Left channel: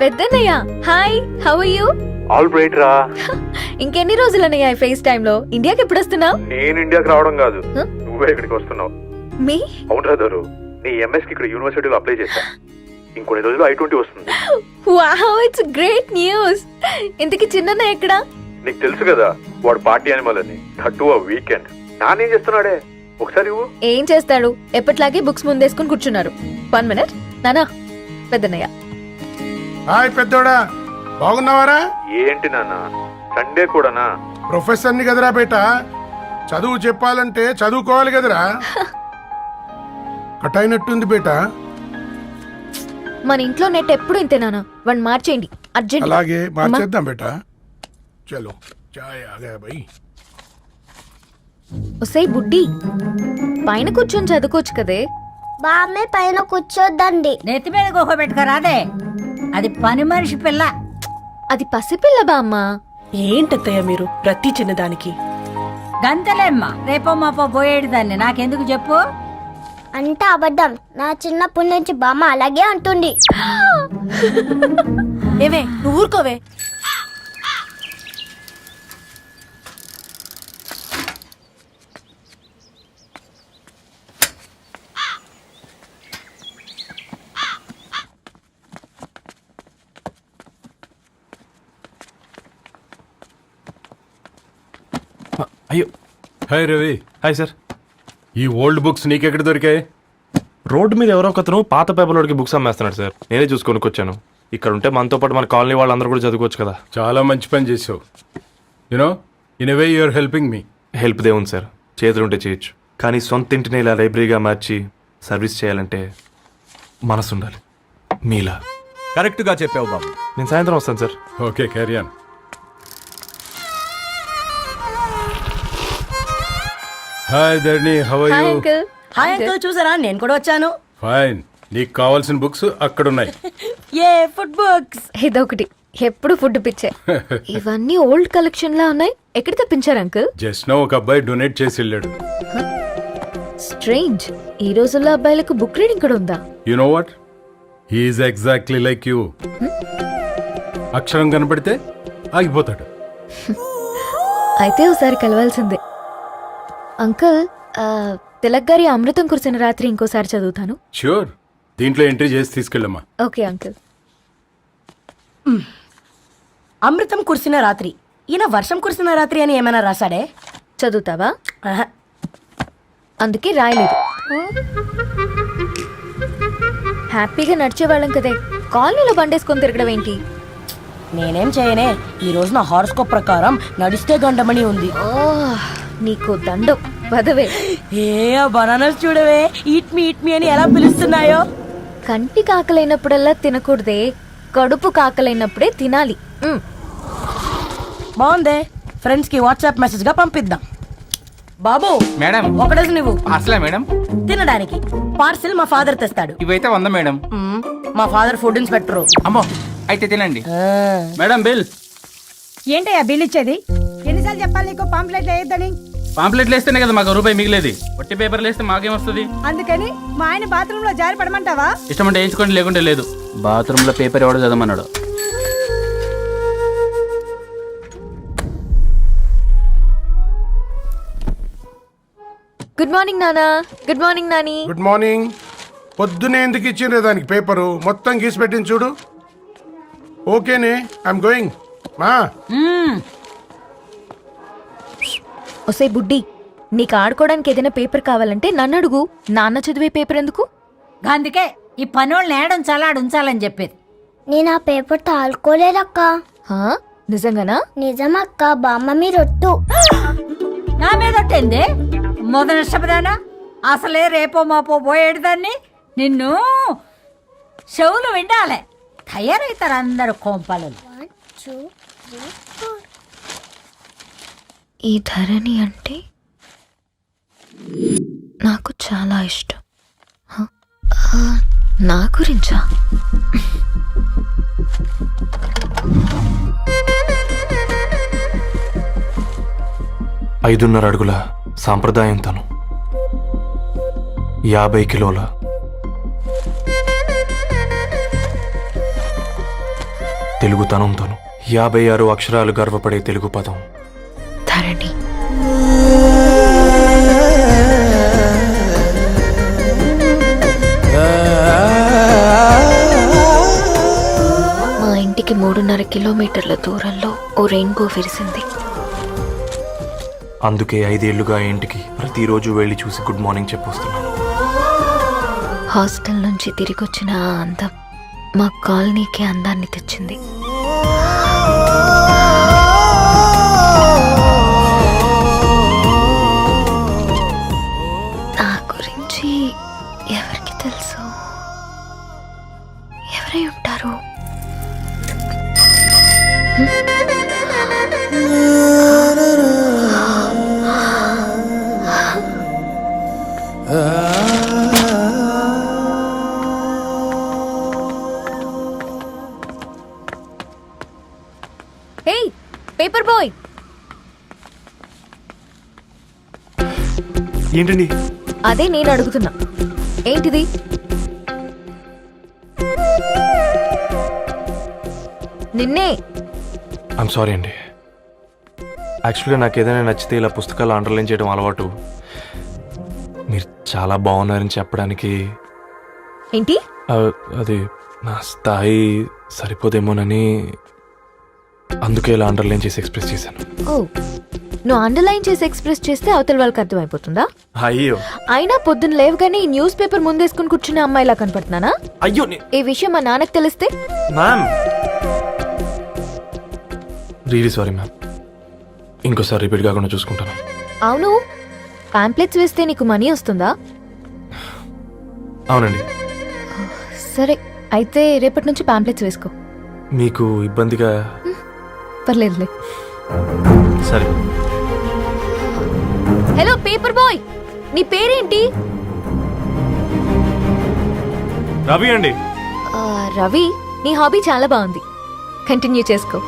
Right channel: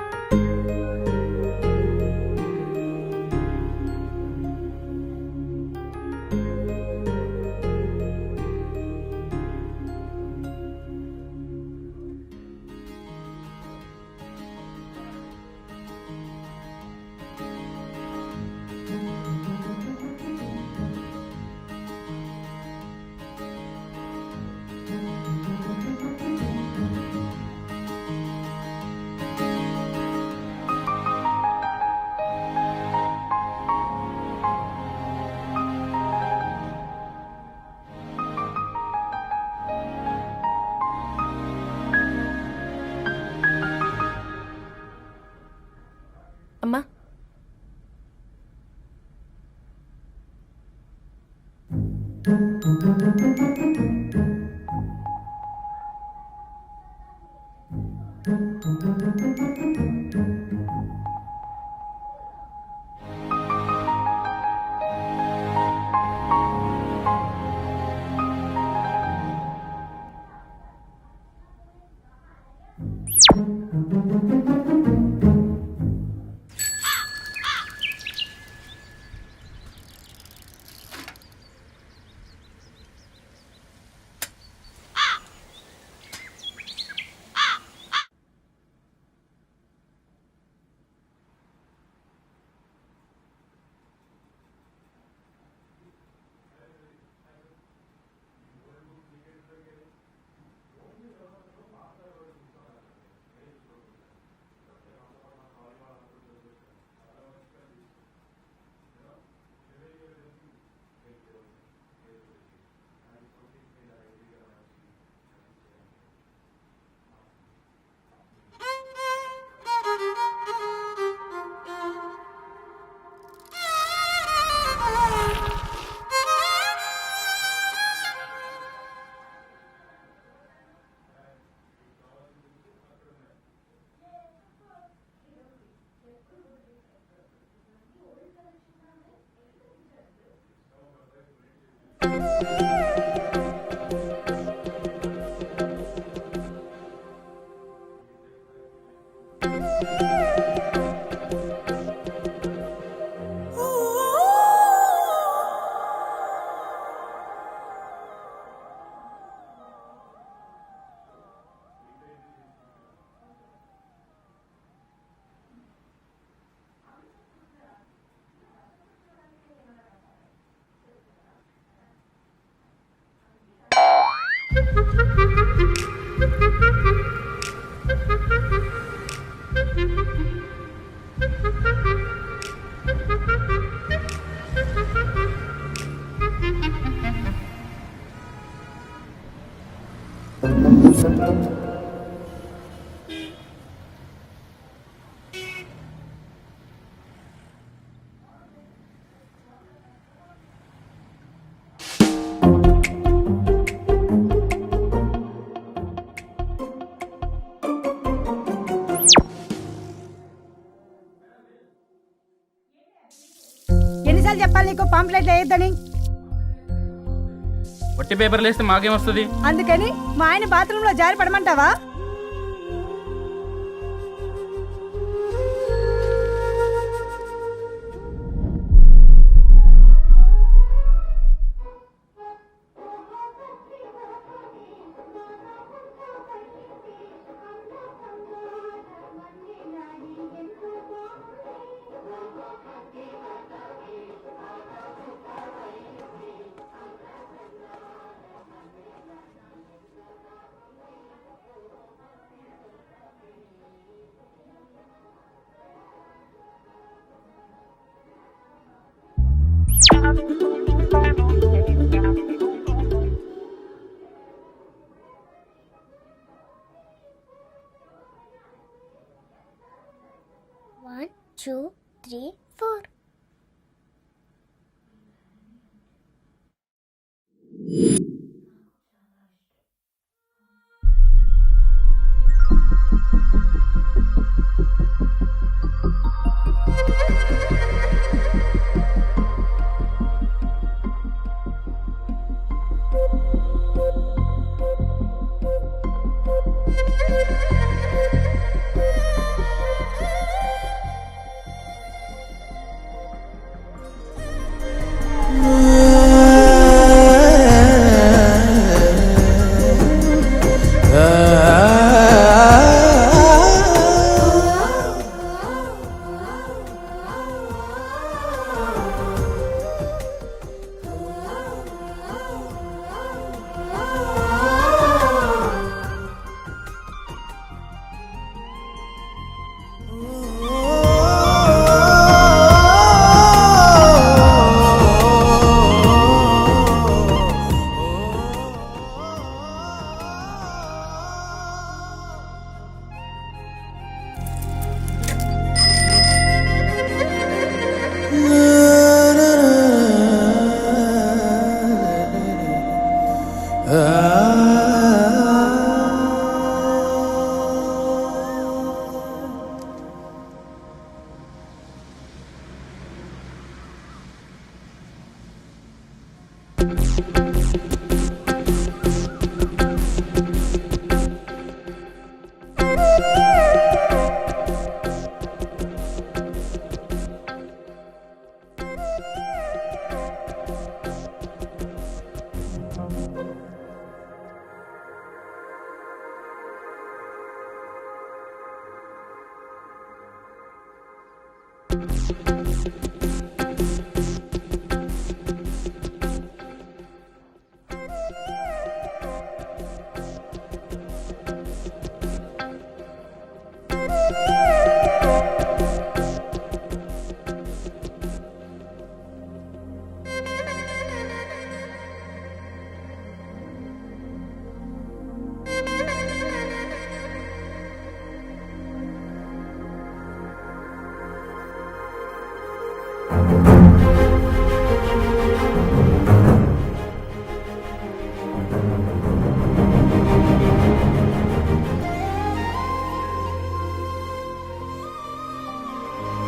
Peddannayya hi, how are you? All right రా. ఇంకెన్ని రోజులన్నయ్య face time లో? ఇండియాకి ఎప్పుడు వస్తున్నావు? నేను ఇండియాకి రావడం కాదు, నువ్వే ఇక్కడికి వస్తున్నావు. మీ అవునరా దొరు, నీ ఎంఎస్ కి ఇక్కడ యూనివర్సిటీలో అప్లై చేశా. ఇంకొన్ని రోజులు I-20 వస్తుంది. Wow, it's great news. ఇంతకి చిన్నన్నయ్య ఎక్కడ? నీకు తెలుసు కదా వాడు పార్టీ అనిమల్ అని, థర్టూ ఆ వీకెండ్. నానేం చేస్తున్నాడే ఒకసారి ఇవ్వు. ఏం చేస్తాడు, ఎప్పటిలాగే బుక్స్ ముందేసుకుని కూర్చున్నారు. 1 minute నానా. పెద్దన్నయ్య హాయ్ పెద్దోడా, బాగున్నావారా? ఏంటి నాన్న సండే కూడానా? ప్రొఫెసర్ని కదరా బేట, చదువు చెప్పాలంటే చదువుకోవాలి కదరా. కట్ అయినట్టుంది బేట. మన ఇంట్లో నెట్ ఎప్పుడు ఇంతే నానా. వన్ మార్చేయండి అర్జెంట్. అలాగే మార్చేద్దాం బేట. చలో చాయ్ ఆగా భయ్. ఒసేయ్ బుడ్డి, పైన కూర్చొని చదువుకోవచ్చు కదే. బామ్మే పైన కూర్చోద్దండి. నెత్తి మీద గుహ పెట్టుకోరాదే, అది పని మనిషి పిల్ల. అది పసిపిల్ల బామ్మ. ఏంటత్తయ్య మీరు ప్రతి చిన్నదానికి? గంతలేమ్మా, రేపో మాపో పోయేడు దాన్ని నాకెందుకు చెప్పు. అంటే అబద్ధం. నా చిన్నప్పటి నుంచి బామ్మ అలాగే అంటుంది. ఏవే నువ్వు ఊరుకోవే. అయ్యో, హాయ్ రవి. Hi sir. ఈ ఓల్డ్ బుక్స్ నీకెక్కడ దొరికాయి? రోడ్డు మీద ఎవరో ఒకతను పాత పేపర్లోకి బుక్స్ అమ్మేస్తున్నాడు సార్. నేనే చూసుకొని వచ్చాను. ఇక్కడ ఉంటే మనతో పాటు మన కాలనీ వాళ్ళందరూ కూడా చదువుకోవచ్చు కదా. చాలా మంచి పని చేసావు. You know in a way you're helping me. Help దేవుంది సార్, చేతులు ఉంటే చేయొచ్చు. కానీ సొంత ఇంటిని ఇలా లైబ్రరీగా మార్చి సర్వీస్ చేయాలంటే మనసు ఉండాలి. మీలా కరెక్ట్గా చెప్పావు బాబు. నేను సాయంత్రం వస్తాను sir. Okay carry on. Hi Dharani, how are hi you? Uncle. Hi uncle, చూసారా నేను కూడా వచ్చాను. ఫైన్. నీకు కావాల్సిన బుక్స్ అక్కడ ఉన్నాయి. ఏ ఫుడ్ బుక్స్? ఇదొకటి, ఎప్పుడు ఫుడ్ పిచ్చే. ఇవన్నీ ఓల్డ్ కలెక్షన్ లా ఉన్నాయి. ఎక్కడ తెప్పించారు అంకుల్? జస్ట్ నో ఒక అబ్బాయి డొనేట్ చేసి వెళ్ళాడు. స్ట్రేంజ్, ఈ రోజుల్లో అబ్బాయిలకు బుక్ రీడింగ్ కూడా ఉందా? You know what, he's exactly like you. అక్షరం కనపడితే ఆగిపోతాడు. అయితే ఒకసారి కలవాల్సిందే. అంకుల్, తిలక్ గారి అమృతం కురిసిన రాత్రి ఇంకోసారి చదువుతాను. ష్యూర్, దీంట్లో ఎంట్రీ చేసి తీసుకెళ్ళమ్మా. Okay uncle. అమృతం కురిసిన రాత్రి. ఈయన వర్షం కురిసిన రాత్రి అని ఏమైనా రాశాడే? చదువుతావా? ఆహా. అందుకే రాయలేదు. హ్యాపీగా నడిచేవాళ్ళం కదే, కాలనీలో బండేసుకొని తిరగడం ఏంటి? నేనేం చేయనే, ఈ రోజు నా హారోస్కోప్ ప్రకారం నడిస్తే గండమణి ఉంది. నీకు దండం బదవే. ఏ బనానాస్ చూడవే, ఈట్ మీ అని ఎలా పిలుస్తున్నాయో. కంటి కాకలైనప్పుడల్లా తినకూడదే, కడుపు కాకలైనప్పుడే తినాలి. బాగుందే, ఫ్రెండ్స్ కి వాట్సాప్ మెసేజ్ గా పంపిద్దాం. బాబు మేడం, ఒకడేసి నువ్వు అసలే మేడం తినడానికి పార్సిల్ మా ఫాదర్ తెస్తాడు. ఇవైతే 100 మేడం. మా ఫాదర్ ఫుడ్ ఇన్స్పెక్టర్. అమ్మో, అయితే తినండి మేడం. బిల్ ఏంటయ్యా బిల్ ఇచ్చేది? ఎన్నిసార్లు చెప్పాలి నీకు పాంప్లెట్ వేయొద్దని? పాంప్లెట్లు వేస్తేనే కదా మాకు రూపాయి మిగిలేది. ఒట్టి పేపర్లు వేస్తే మాకేం వస్తుంది? అందుకని మా ఆయన బాత్రూమ్ లో జారి పడమంటావా? ఇష్టమంటే వేయించుకోండి, లేకుంటే లేదు. బాత్రూమ్ లో పేపర్ ఎవడో చదవమన్నాడు. గుడ్ మార్నింగ్ నానా. Good morning Nani. Good morning. పొద్దునే ఎందుకు ఇచ్చిండ్రే దానికి పేపరు? మొత్తం గీసి పెట్టింది చూడు. ఓకేనే, ఐఎమ్ గోయింగ్. మా ఒసే బుడ్డి, నీకు ఆడుకోవడానికి ఏదైనా పేపర్ కావాలంటే నన్ను అడుగు. నాన్న చదివే పేపర్ ఎందుకు? అందుకే ఈ పనోళ్ళని ఏడుంచాలా ఉంచాలని చెప్పేది. నేను ఆ పేపర్ తాలుకోలేదక్క. హా? నిజంగానా? నిజమక్క, బామ్మ మీరొట్టు. నా మీద ఒట్టేంది? మొదటి నష్టపదానా? అసలే రేపో మాపో పోయేడు దాన్ని. నిన్ను చెవులు వినాలే, తయారవుతారు అందరు కోంపాలు. 1 2 3 4. ఈ ధరణి అంటే నాకు చాలా ఇష్టం. హ? నా గురించా? 5.5 అడుగుల సాంప్రదాయం తను, 50 కిలోల తెలుగుతనంతోను 56 అక్షరాలు గర్వపడే తెలుగు పదం ధరణి. మా ఇంటికి 3.5 కిలోమీటర్ల దూరంలో ఓ రెయిన్బో విరిసింది. అందుకే 5 ఏళ్లుగా ఇంటికి ప్రతిరోజు వెళ్ళి చూసి గుడ్ మార్నింగ్ చెప్పొస్తున్నాను. హాస్టల్ నుంచి తిరిగి వచ్చిన ఆ అందం మా కాలనీకి అందాన్ని తెచ్చింది. నా గురించి ఎవరికి తెలుసు? ఎవరై ఉంటారు? హే పేపర్ బాయ్, ఏంటండి? అదే నేను అడుగుతున్నా, ఏంటిది? నిన్నే. ఐమ్ సారీ అండి. యాక్చువల్గా నాకు ఏదైనా నచ్చితే ఇలా పుస్తకాలు అండర్లైన్ చేయడం అలవాటు. మీరు చాలా బాగున్నారని చెప్పడానికి ఏంటి? అది నా స్థాయి సరిపోదేమోనని అందుకే ఇలా అండర్లైన్ చేసి ఎక్స్ప్రెస్ చేశాను. ఓ, నువ్వు అండర్లైన్ చేసి ఎక్స్ప్రెస్ చేస్తే అవతల వాళ్ళకి అర్థమైపోతుందా? అయ్యో అయినా పొద్దున్న లేవగానే ఈ న్యూస్ పేపర్ ముందేసుకుని కూర్చునే అమ్మాయిలా కనపడుతున్నానా? అయ్యో ఈ విషయం మా నాన్నకు తెలిస్తే? Ma'am really sorry ma'am. ఇంకోసారి రిపీట్ కాకుండా చూసుకుంటాను. అవును, పాంప్లెట్స్ వేస్తే నీకు మనీ వస్తుందా? అవునండి. సరే, అయితే రేపటి నుంచి పాంప్లెట్స్ వేసుకో. మీకు ఇబ్బందిగా? పర్లేదులే. సరే. హలో పేపర్ బాయ్, నీ పేరేంటి? రవి అండి. రవి, నీ హాబీ చాలా బాగుంది, కంటిన్యూ చేసుకో.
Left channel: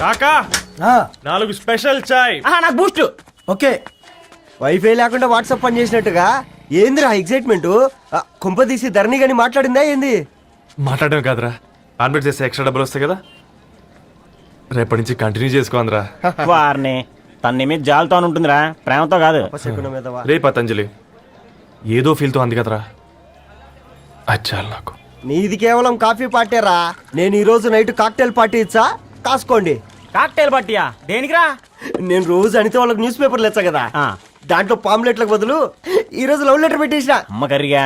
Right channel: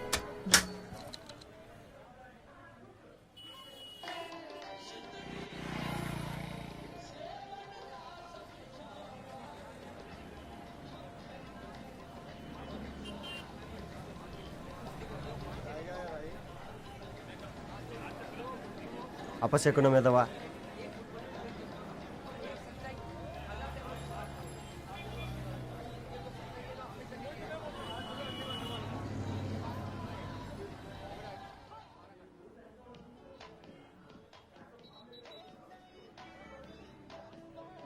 కాకా 4 స్పెషల్ చాయ్. నాకు బూస్ట్. ఓకే, వైఫై లేకుండా వాట్సాప్ పని చేసినట్టుగా ఏందిరా ఎగ్జైట్మెంట్? కుంప తీసి ధరణి గాని మాట్లాడిందా ఏంది? మాట్లాడడం కాదురా, కాన్వర్ట్ చేస్తే ఎక్స్ట్రా డబ్బులు వస్తాయి కదా, రేపటి నుంచి కంటిన్యూ చేసుకోందిరా. వారిని తన మీద జాలతో ఉంటుందిరా, ప్రేమతో కాదు. అపశకునం మీదవా? రే పతంజలి, ఏదో ఫీల్తో అంది కదరా, అది చాలు నాకు. నీది కేవలం కాఫీ పార్టీరా. నేను ఈ రోజు నైట్ కాక్టైల్ పార్టీ ఇచ్చా, కాసుకోండి. కాక్టైల్ పట్టియా దేనికిరా? నేను రోజు అనితే వాళ్ళకి న్యూస్ పేపర్లు ఇచ్చా కదా, దాంట్లో పాంప్లెట్లకు బదులు ఈ రోజు లవ్ లెటర్ పెట్టేసిన. అమ్మ కర్రీగా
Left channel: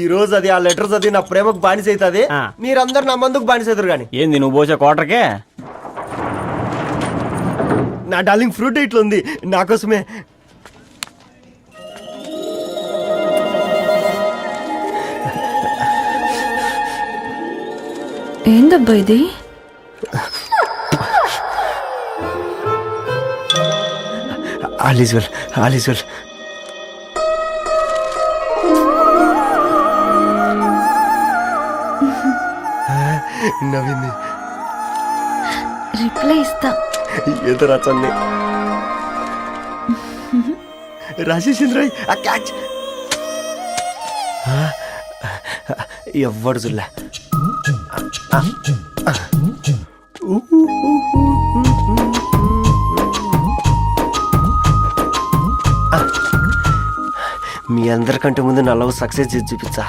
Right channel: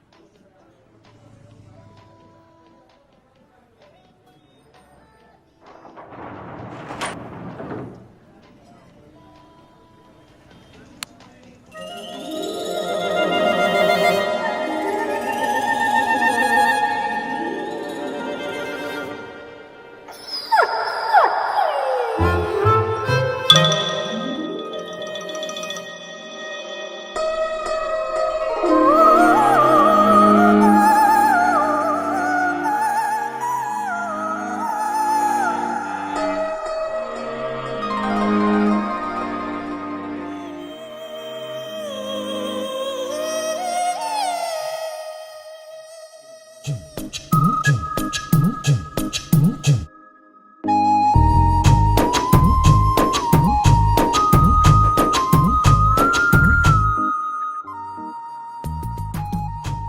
ఈ రోజు అది ఆ లెటర్ చదివి నా ప్రేమకు బానిస అవుతుంది. మీరందరు నా మందుకు బానిస అవుతారు కానీ. ఏంది నువ్వు పోసే క్వార్టర్కే? నా డార్లింగ్ ఫ్రూట్ ఇట్లా ఉంది నా కోసమే. ఏందబ్బా ఇది? All is well, all is well. నవ్వింది. రిప్లై ఇస్తా. ఏదో రచండి రాజేసింద్ర క్యాచ్. ఎవ్వడు చూడలే. మీ అందరికంటే ముందు నా లవ్ సక్సెస్ చేసి చూపించా.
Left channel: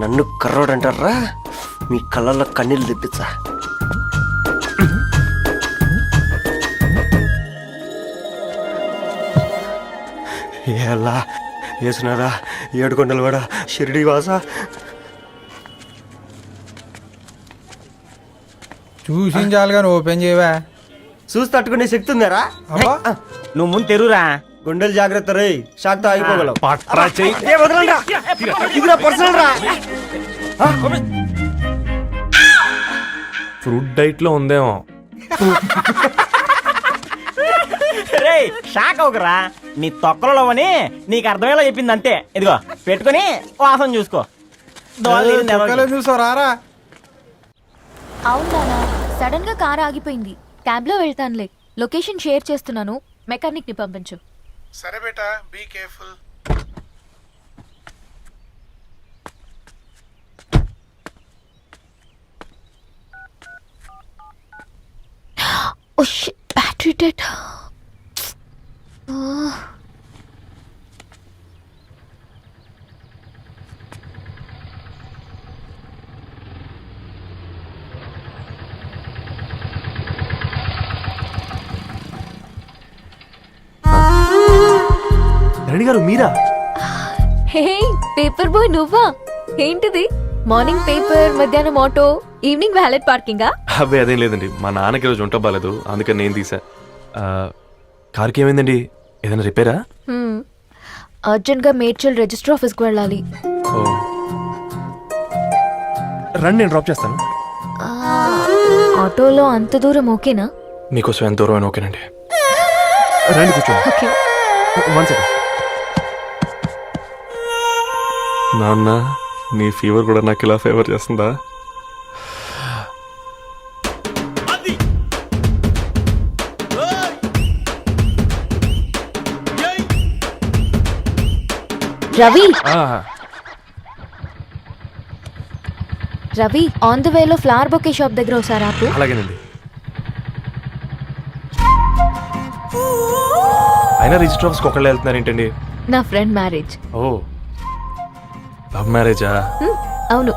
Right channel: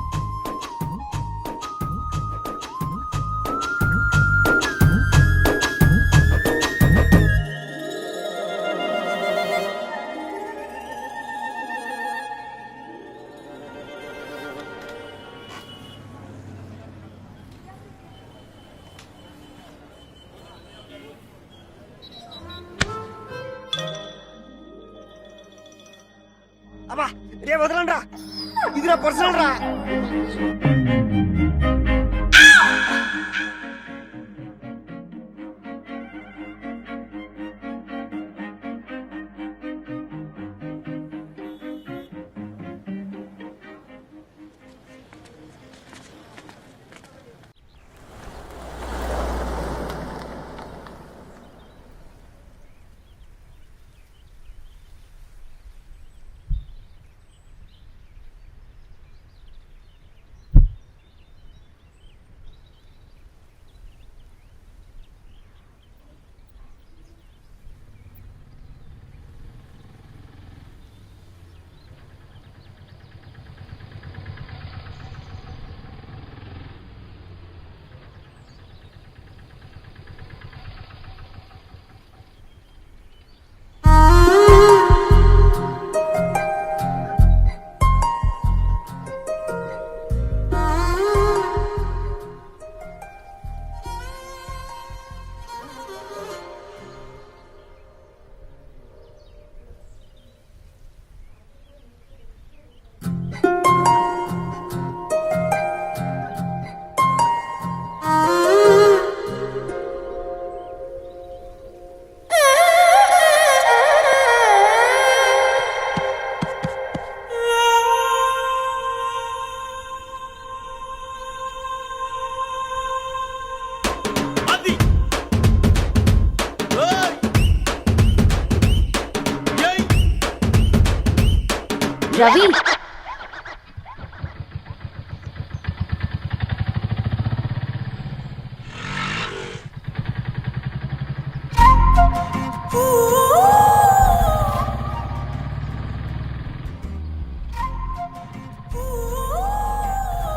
నన్ను కర్రోడు అంటారా, మీ కళ్ళల్లో కన్నీళ్ళు తెప్పించా. ఎలా వేసినారా ఏడుకొండలు కూడా షిరిడి వాస. చూసించాలి కానీ ఓపెన్ చేయవా? చూసి తట్టుకునే శక్తి ఉందారా? నువ్వు ముందు తెరురా. గుండెలు జాగ్రత్త రే, షాక్తో ఆగిపోగలవు. పట్రా చెయ్యి. ఏ వదలండి రా, ఇది నా పర్సనల్ రా. ఫ్రూట్ డైట్ లో ఉందేమో. రే షాక్ అవకరా, నీ తొక్కలలో అని నీకు అర్థమయ్యేలా చెప్పింది అంతే. ఇదిగో పెట్టుకొని వాసన చూసుకో. దోవలో నీళ్ళు నిలవకి. చూసావు రారా. అవునా, సడన్ గా కార్ ఆగిపోయింది. క్యాబ్ లో వెళ్తానులే. లొకేషన్ షేర్ చేస్తున్నాను, మెకానిక్ ని పంపించు. సరే బేటా, be careful. Oh shit, battery dead. Reddy గారు మీరా? హే పేపర్ బాయ్, నువ్వా? ఏంటిది? మార్నింగ్ పేపర్, మధ్యాహ్నం ఆటో, ఈవినింగ్ వ్యాలెట్ పార్కింగా? అబ్బాయి అదేం లేదండి, మా నాన్నకి రోజు ఉంట బాగాలేదు, అందుకని నేను తీసా. కార్కి ఏమైందండి? ఏదైనా రిపేరా? అర్జెంట్ గా మేడ్చల్ రిజిస్టర్ ఆఫీస్కి వెళ్ళాలి. రండి, నేను డ్రాప్ చేస్తాను. ఆటోలో అంత దూరం ఓకేనా? మీకోసం ఎంత దూరం అయినా ఓకేనండి. రండి కూర్చోండి. One second. నాన్న, నీ ఫీవర్ కూడా నాకు ఇలా ఫేవర్ చేస్తుందా? రవి, రవి, ఆన్ ద వేలో ఫ్లవర్ బొకే షాప్ దగ్గర ఒకసారి ఆపు. అలాగేనండి. అయినా రిజిస్టర్ ఆఫీస్కి ఒకళ్ళు వెళ్తున్నారు ఏంటండి? నా ఫ్రెండ్ మ్యారేజ్. ఓ, లవ్ మ్యారేజా? అవును,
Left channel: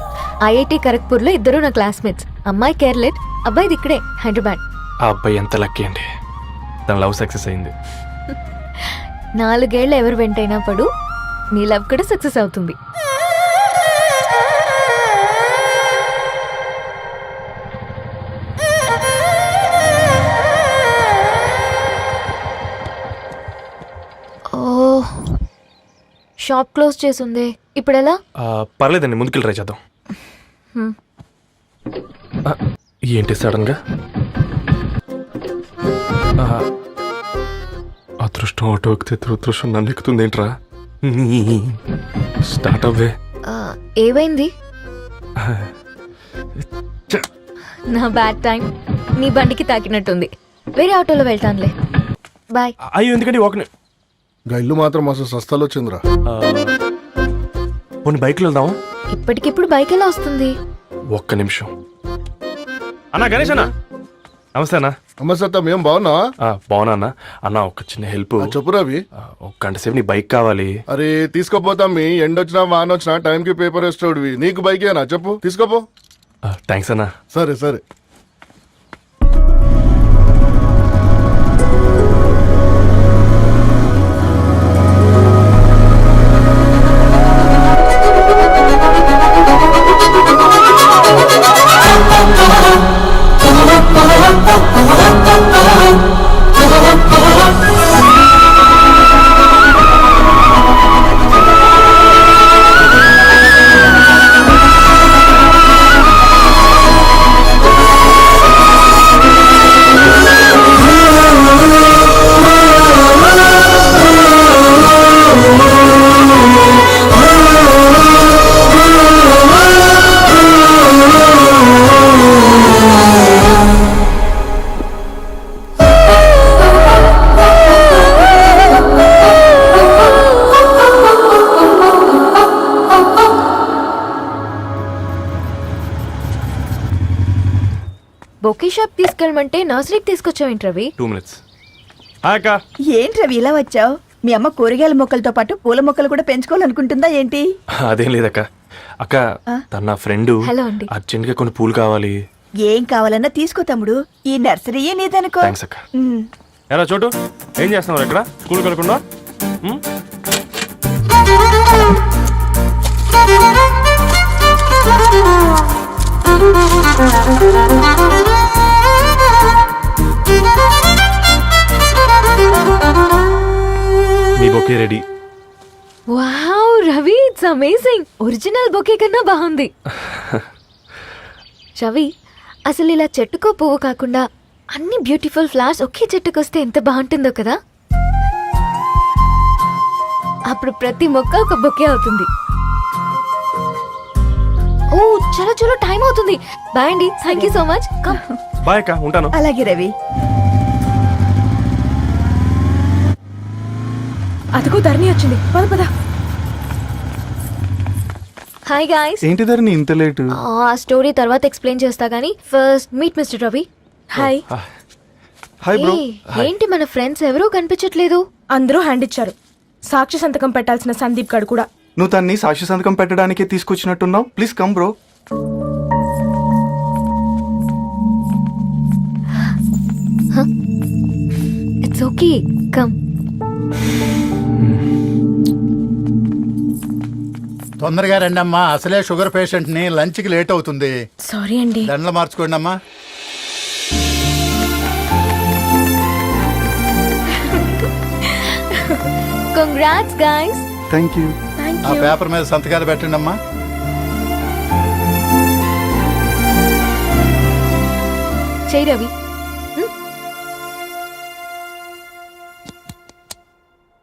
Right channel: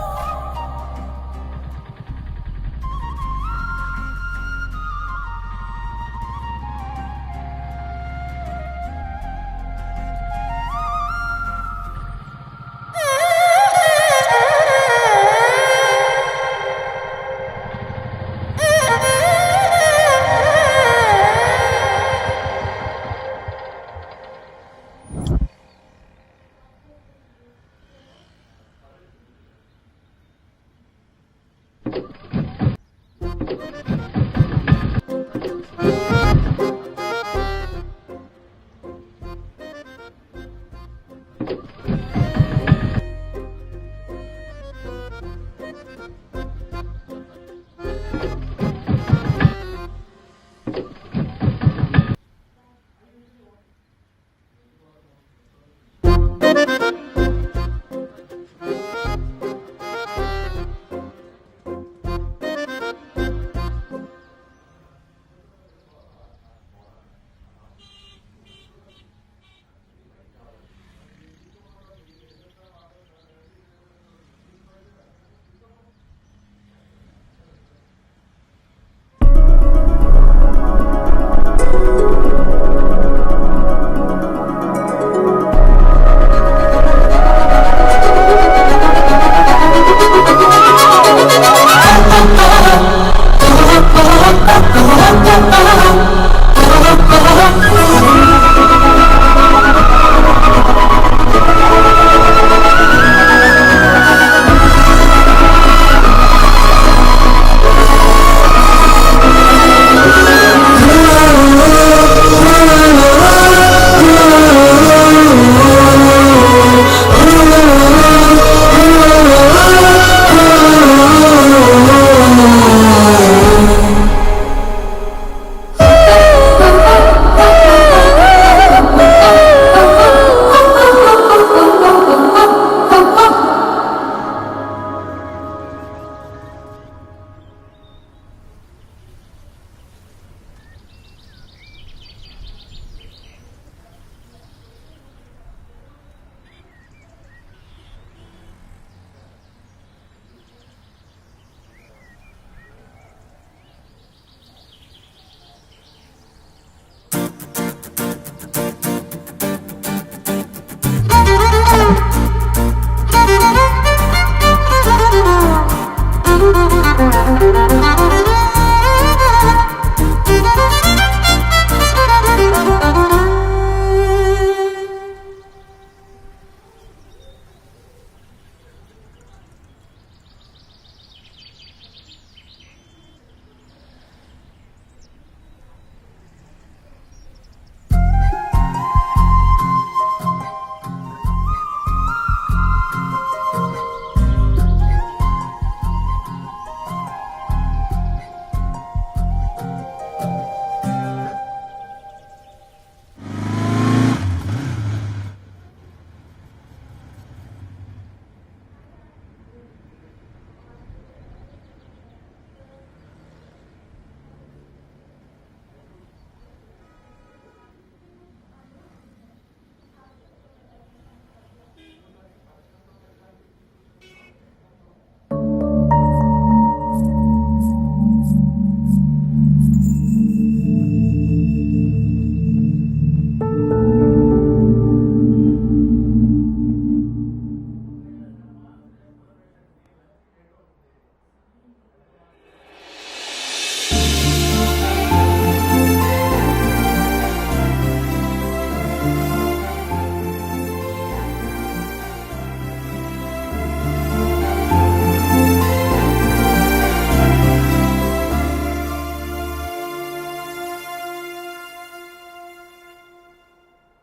ఐఐటి ఖరగ్పూర్ లో ఇద్దరు నా క్లాస్మేట్స్. అమ్మాయి కేర్లెట్, అబ్బాయిది ఇక్కడే హైదరాబాద్. ఆ అబ్బాయి ఎంత లక్కీ అండి, తన లవ్ సక్సెస్ అయింది. 4 ఏళ్ళు ఎవరు వెంటైనా పడు, నీ లవ్ కూడా సక్సెస్ అవుతుంది. ఓ, షాప్ క్లోజ్ చేసింది, ఇప్పుడు ఎలా? పర్లేదండి, ముందుకెళ్ళి ట్రై చేద్దాం. ఏంటి సడన్గా? అదృష్టం ఆటో ఎక్కితే దురదృష్టం నన్ను ఎక్కుతుంది ఏంట్రా? స్టార్ట్ అవ్వే. ఏమైంది? నా బ్యాడ్ టైం నీ బండికి తాకినట్టుంది. వేరే ఆటోలో వెళ్తానులే, బాయ్. అయ్యో, ఎందుకండి ఒక ఇల్లు మాత్రం అసలు సస్తాలో వచ్చిందిరా. కొన్ని బైక్లో వెళ్దాం. ఇప్పటికిప్పుడు బైక్ ఎలా వస్తుంది? ఒక్క నిమిషం. అన్నా, గణేష్ అన్న, నమస్తే అన్న. నమస్తే, ఏం బాగున్నా? బాగున్నా అన్న. అన్న, ఒక చిన్న హెల్ప్. చెప్పు రవి. ఒక గంట సేపు నీ బైక్ కావాలి. అరే తీసుకోపోతాం, మీ ఎండొచ్చినా వాన వచ్చినా టైంకి పేపర్ వేస్తాడువి. నీకు బైకేనా? చెప్పు, తీసుకోపో. థ్యాంక్స్ అన్న. సరే సరే. బొకే షాప్ తీసుకెళ్ళమంటే నర్సరీకి తీసుకొచ్చావేంటి రవి? 2 minutes. ఏంటి రవి ఇలా వచ్చావు? మీ అమ్మ కూరగాయల మొక్కలతో పాటు పూల మొక్కలు కూడా పెంచుకోవాలనుకుంటుందా ఏంటి? అదేం లేదక్క. అక్క, తన ఫ్రెండ్ హలో అండి. అర్జెంట్ గా కొన్ని పూలు కావాలి. ఏం కావాలన్నా తీసుకో తమ్ముడు, ఈ నర్సరీయే నీదనుకో. థ్యాంక్స్ అక్క. ఎలా చోటు, ఏం చేస్తున్నావు ఇక్కడ? స్కూల్ కలకుండా? మీ bouquet ready. Wow Ravi, it's amazing. Original bouquet కన్నా బాగుంది. రవి, అసలు ఇలా చెట్టుకో పువ్వు కాకుండా అన్ని బ్యూటిఫుల్ ఫ్లవర్స్ ఒకే చెట్టుకు వస్తే ఎంత బాగుంటుందో కదా. అప్పుడు ప్రతి మొక్క ఒక బొకే అవుతుంది. ఓ చలో చలో టైం అవుతుంది. బాయ్ అండి, thank you so much. Come. Bye అక్క, ఉంటాను. అలాగే రవి. అదిగో ధరణి వచ్చింది. పద పద. Hi guys. ఏంటి ధరణి ఇంత లేటు? ఆ స్టోరీ తర్వాత ఎక్స్ప్లెయిన్ చేస్తా గానీ first meet mister Ravi. Hi. Hi bro. ఏంటి మన ఫ్రెండ్స్ ఎవరూ కనిపించట్లేదు? అందరూ హ్యాండ్ ఇచ్చారు. సాక్షి సంతకం పెట్టాల్సిన సందీప్ గడు కూడా. నువ్వు తన్ని సాక్షి సంతకం పెట్టడానికే తీసుకొచ్చినట్టున్నావు. Please come bro. It's okay, come. తొందరగా రండి అమ్మా, అసలే షుగర్ పేషెంట్ ని, లంచ్ కి లేట్ అవుతుంది. సారీ అండి. దండలు మార్చుకోండి అమ్మా. Congrats guys. Thank you. ఆ పేపర్ మీద సంతకాలు పెట్టండి అమ్మా. చెయ్ రవి.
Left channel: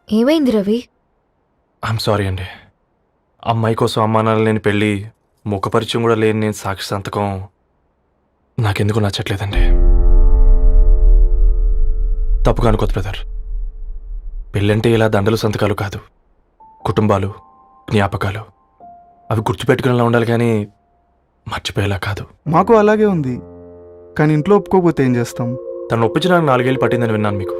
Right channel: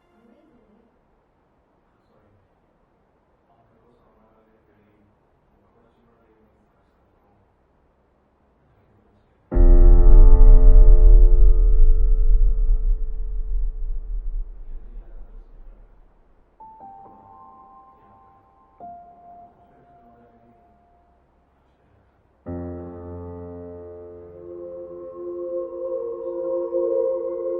ఏమైంది రవి? ఐఎమ్ సారీ అండి. అమ్మాయి కోసం అమ్మానాలు లేని పెళ్ళి, ముఖపరిచయం కూడా లేని నేను సాక్షి సంతకం నాకెందుకు నచ్చట్లేదండి. తప్పుగా అనుకోదు బ్రదర్. పెళ్ళంటే ఇలా దండలు సంతకాలు కాదు, కుటుంబాలు, జ్ఞాపకాలు. అవి గుర్తుపెట్టుకునేలా ఉండాలి కానీ మర్చిపోయేలా కాదు. మాకు అలాగే ఉంది, కానీ ఇంట్లో ఒప్పుకోకపోతే ఏం చేస్తాం? తను ఒప్పించడానికి 4 ఏళ్ళు పట్టిందని విన్నాను మీకు.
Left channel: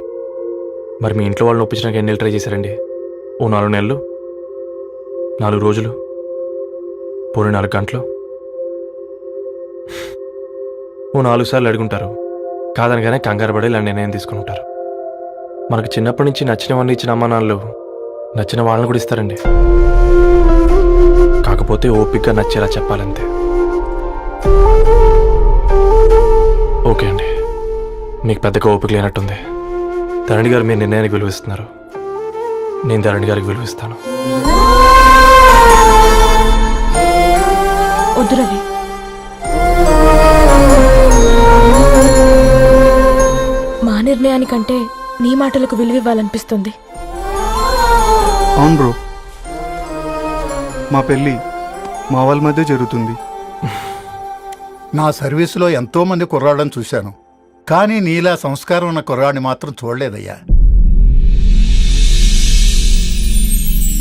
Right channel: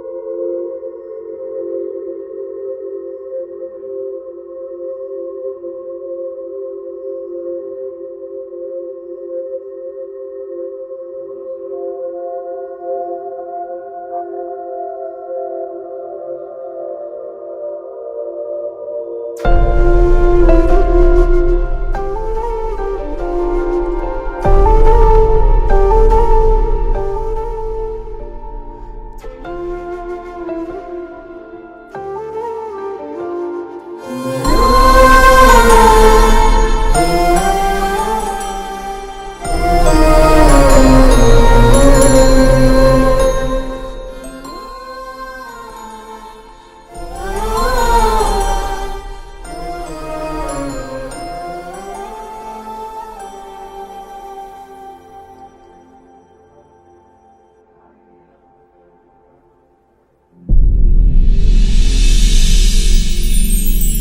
మరి మీ ఇంట్లో వాళ్ళని ఒప్పించడానికి ఎన్ని ఏళ్ళు ట్రై చేశారండి? ఓ 4 నెలలు, 4 రోజులు, పోనీ 4 గంటలు, ఓ 4 సార్లు అడుగుంటారు. కాదనగానే కంగారు పడి ఇలా నిర్ణయం తీసుకుని ఉంటారు. మనకు చిన్నప్పటి నుంచి నచ్చినవన్నీ ఇచ్చిన అమ్మానాళ్ళు నచ్చిన వాళ్ళని కూడా ఇస్తారండి. కాకపోతే ఓపికగా నచ్చేలా చెప్పాలంతే. ఓకే అండి, మీకు పెద్దగా ఓపిక లేనట్టుంది. ధరణి గారు మీ నిర్ణయానికి విలువిస్తున్నారు, నేను ధరణి గారికి విలువిస్తాను. వద్దు రవి. మా నిర్ణయానికంటే నీ మాటలకు విలువివ్వాలనిపిస్తుంది. అవును బ్రో, మా పెళ్ళి మా వాళ్ళ మధ్య జరుగుతుంది. నా సర్వీసులో ఎంతో మంది కుర్రాళ్ళని చూశాను, కానీ నీలా సంస్కారం ఉన్న కుర్రాడిని మాత్రం చూడలేదయ్యా.